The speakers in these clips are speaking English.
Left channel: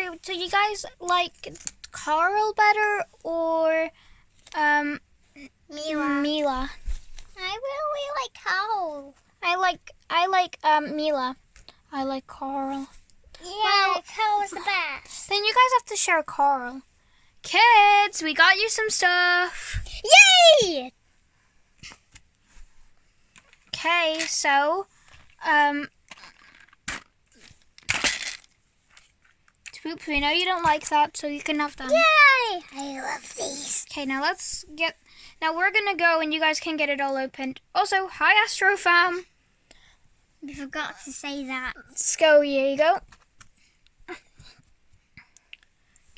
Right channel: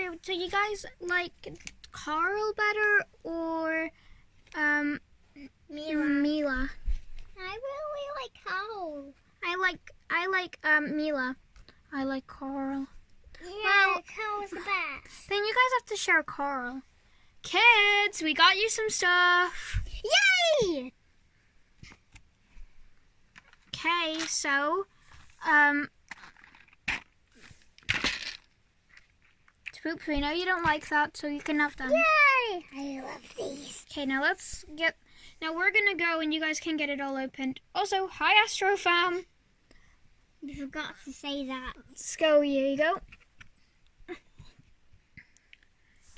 sorry, do you guys like Carl better or Mila? I really like Carl. I like Mila. I like Carl. Yeah, well, Carl's the best. Then you guys have to share Carl. Kids, we got you some stuff. Yay! Okay, so Swoops, we know you don't like that, so you can have them. Yay! I love these. Okay, now we're gonna go and you guys can get it all opened. Also, hi Astro fam. You forgot to say that. Let's go, here you go.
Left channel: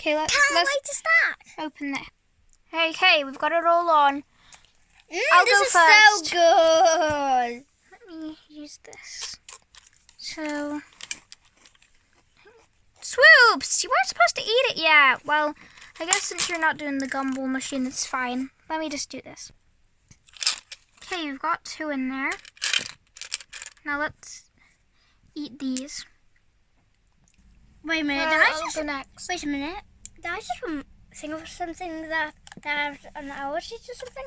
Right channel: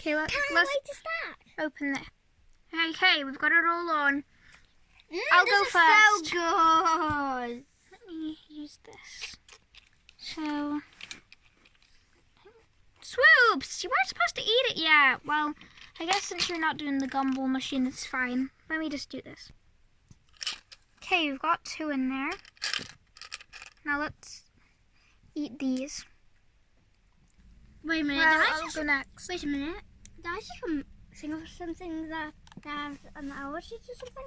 Okay, let's wait to start. Open it. Hey, we've got it all on. I'll go first. This is so good. Let me use this. So, Swoops, you weren't supposed to eat it yet. Well, I guess since you're not doing the Gumball machine, it's fine. Let me just do this. Okay, you've got 2 in there. Now let's eat these. Wait a minute. Well, I'll go next. Wait a minute. Did I just think of something that has an allergy to something?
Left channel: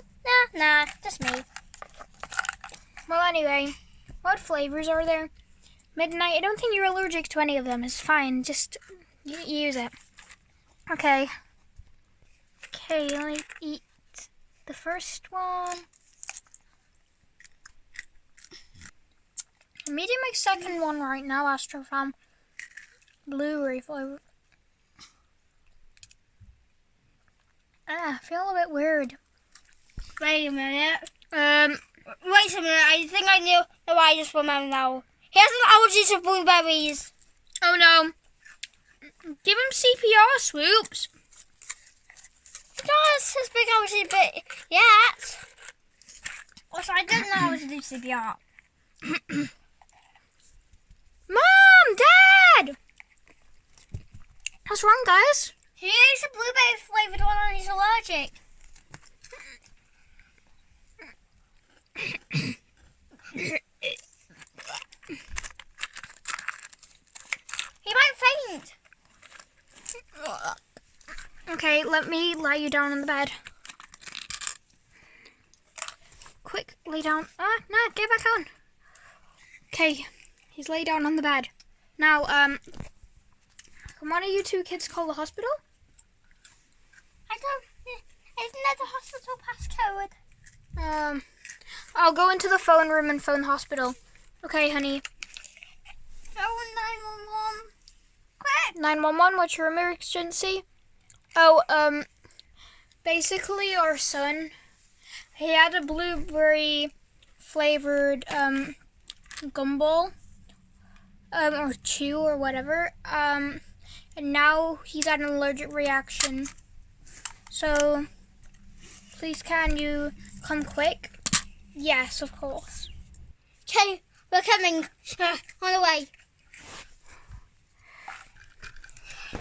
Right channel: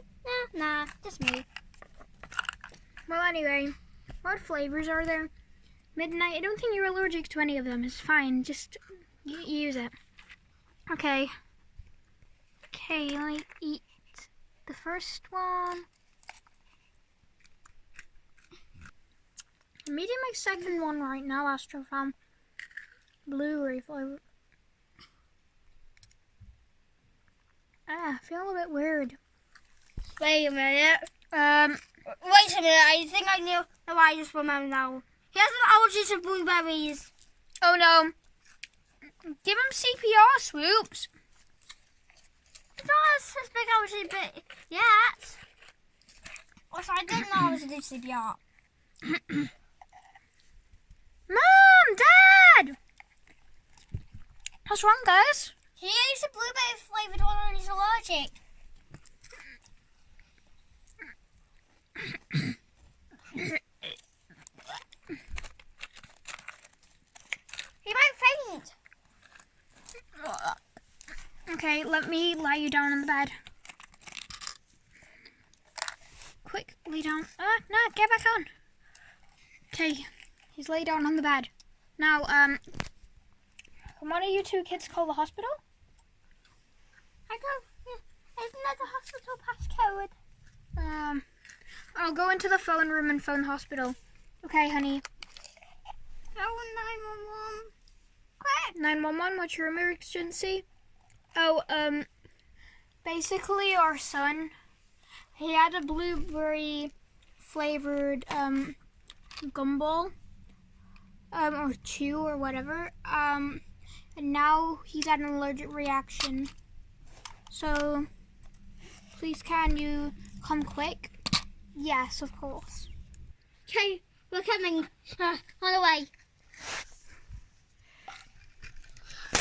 Nah, just me. Well, anyway, what flavors are there? Midnight, I don't think you're allergic to any of them. It's fine. Just use it. Okay. Okay, let me eat the first one. I'm eating my second one right now, Astro fam. Blueberry flavor. I feel a bit weird. Wait a minute. Wait a minute. I think I know why I just remember now. He has an allergy to blueberries. Oh no. Give him CPR, Swoops. He does his big allergy, but yet. Also, I don't know how to do CPR. Mom! Dad! What's wrong, guys? He eats a blueberry flavored one and he's allergic. He might faint. Okay, let me lie you down on the bed. Quick, lay down. No, get back on. Okay, he's laid down on the bed. Now, can one of you 2 kids call the hospital? I don't. Isn't that the hospital passcode? I'll go into the phone room and phone the hospital. Okay, honey. Phone 911. Quick! 911, what's your emergency? Oh, basically our son, he had a blueberry flavored, Gumball, or chew or whatever, and now he's had an allergic reaction. So, please can you come quick? Yes, of course. Okay, we're coming. On the way.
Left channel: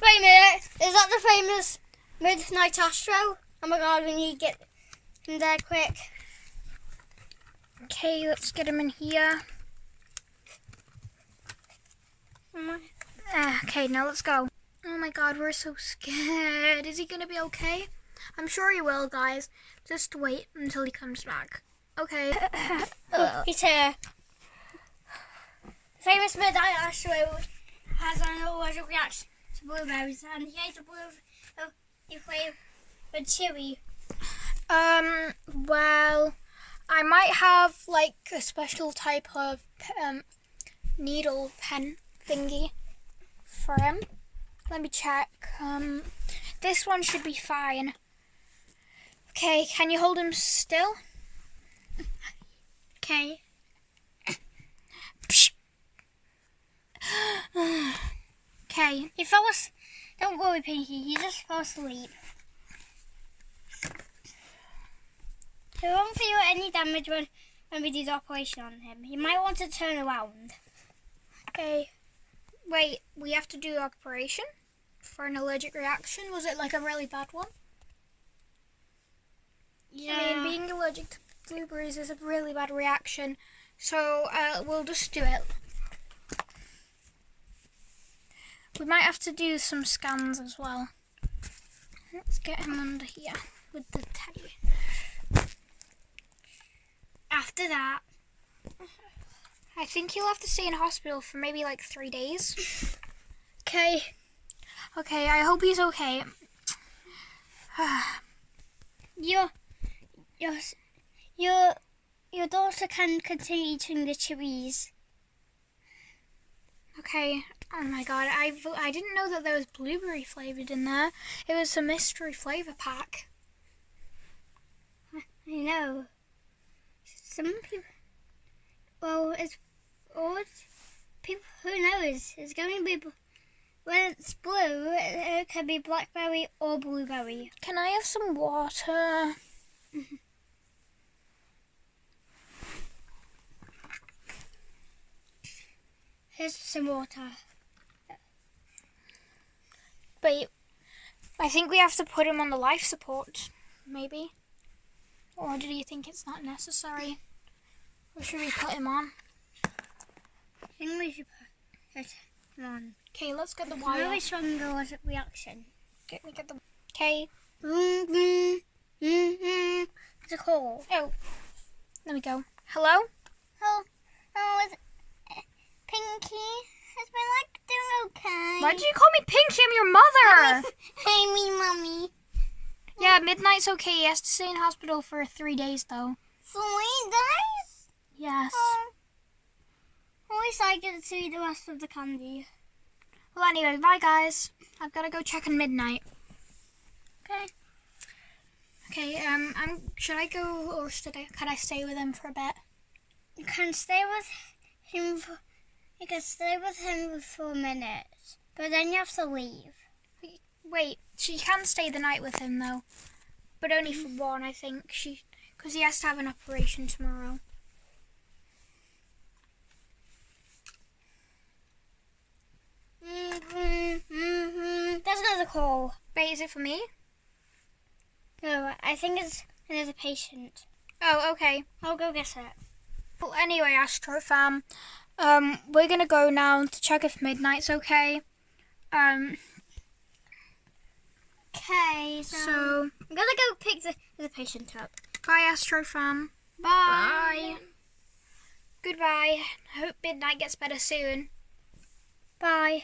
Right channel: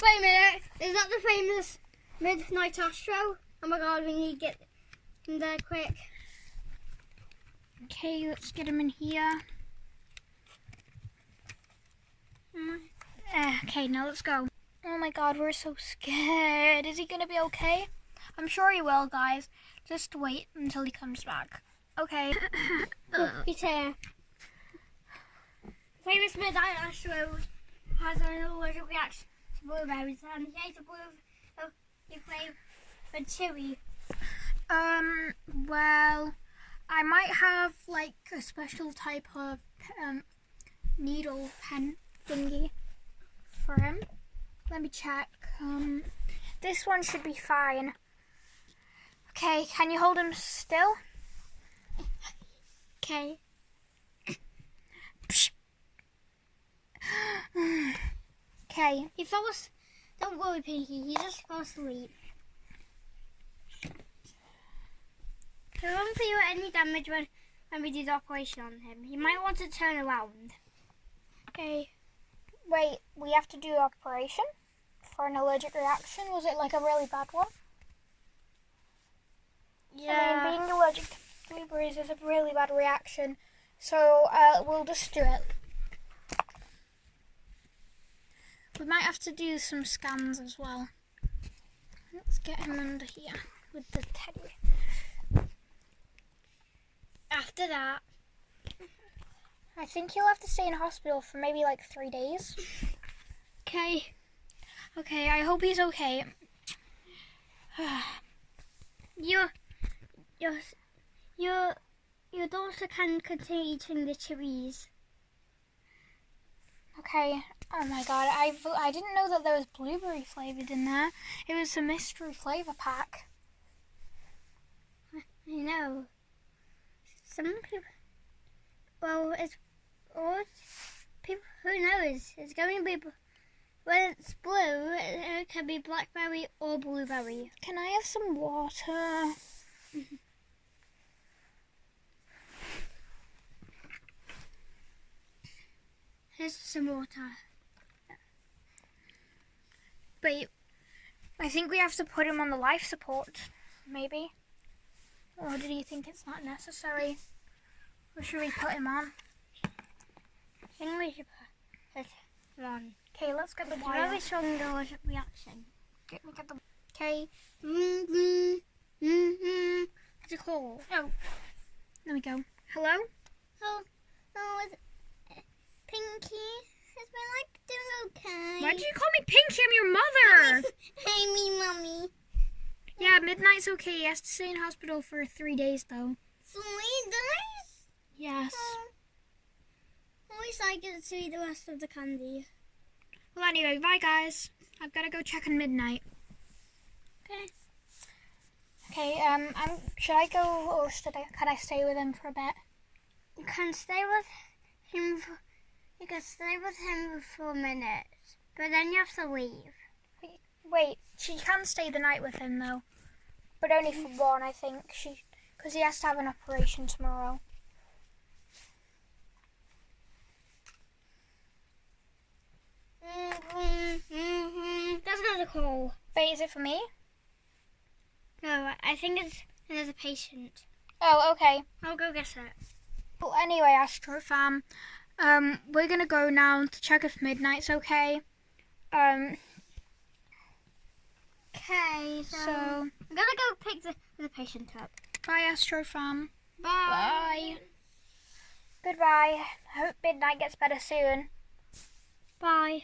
Wait a minute. Is that the famous Midnight Astro? Oh my god, we need to get in there quick. Okay, let's get him in here. Okay, now let's go. Oh my god, we're so scared. Is he gonna be okay? I'm sure he will, guys. Just wait until he comes back. Okay. He's here. Famous Midnight Astro has an allergic reaction to blueberries, and he ate a blueberry flavored chewy. Well, I might have like a special type of needle pen thingy for him. Let me check. This one should be fine. Okay, can you hold him still? Okay. Okay. He fell asleep. Don't worry, Pinky. He just fell asleep. We won't feel any damage when we do the operation on him. He might want to turn around. Okay. Wait, we have to do an operation for an allergic reaction? Was it like a really bad one? Yeah. I mean, being allergic to blueberries is a really bad reaction. So, we'll just do it. We might have to do some scans as well. Let's get him under here with the teddy. After that, I think he'll have to stay in hospital for maybe like 3 days. okay. Okay, I hope he's okay. Your daughter can continue eating the cherries. Okay. Oh my god, I didn't know that there was blueberry flavored in there. It was a mystery flavor pack. I know. Some people. Well, it's all people. Who knows? It's going to be. When it's blue, it can be blackberry or blueberry. Can I have some water? Here's some water. But I think we have to put him on the life support, maybe. Or do you think it's not necessary? Or should we put him on? I think we should put him on. Okay, let's get the It's wire. very strong reaction. Get the. Okay. It's a call. Oh, there we go. Hello? Oh, is Pinky? Is my leg doing okay? Why did you call me Pinky? I'm your mother. Hey, me, mommy. Yeah, Midnight's okay. He has to stay in hospital for 3 days, though. 3 days? Yes. At least I get to eat the rest of the candy. Well, anyway, bye, guys. I've got to go check on Midnight. Okay. Okay, should I go or can I stay with him for a bit? You can stay with him for a minute, but then you have to leave. Wait, she can stay the night with him, though. But only for 1, I think. Because he has to have an operation tomorrow. That's another call. Wait, is it for me? No, I think it's another patient. Oh, okay. I'll go get it. Well, anyway, Astro fam, we're gonna go now to check if Midnight's okay. Okay, so I'm gonna go pick the patient up. Bye, Astro fam. Bye. Goodbye. Hope Midnight gets better soon. Bye.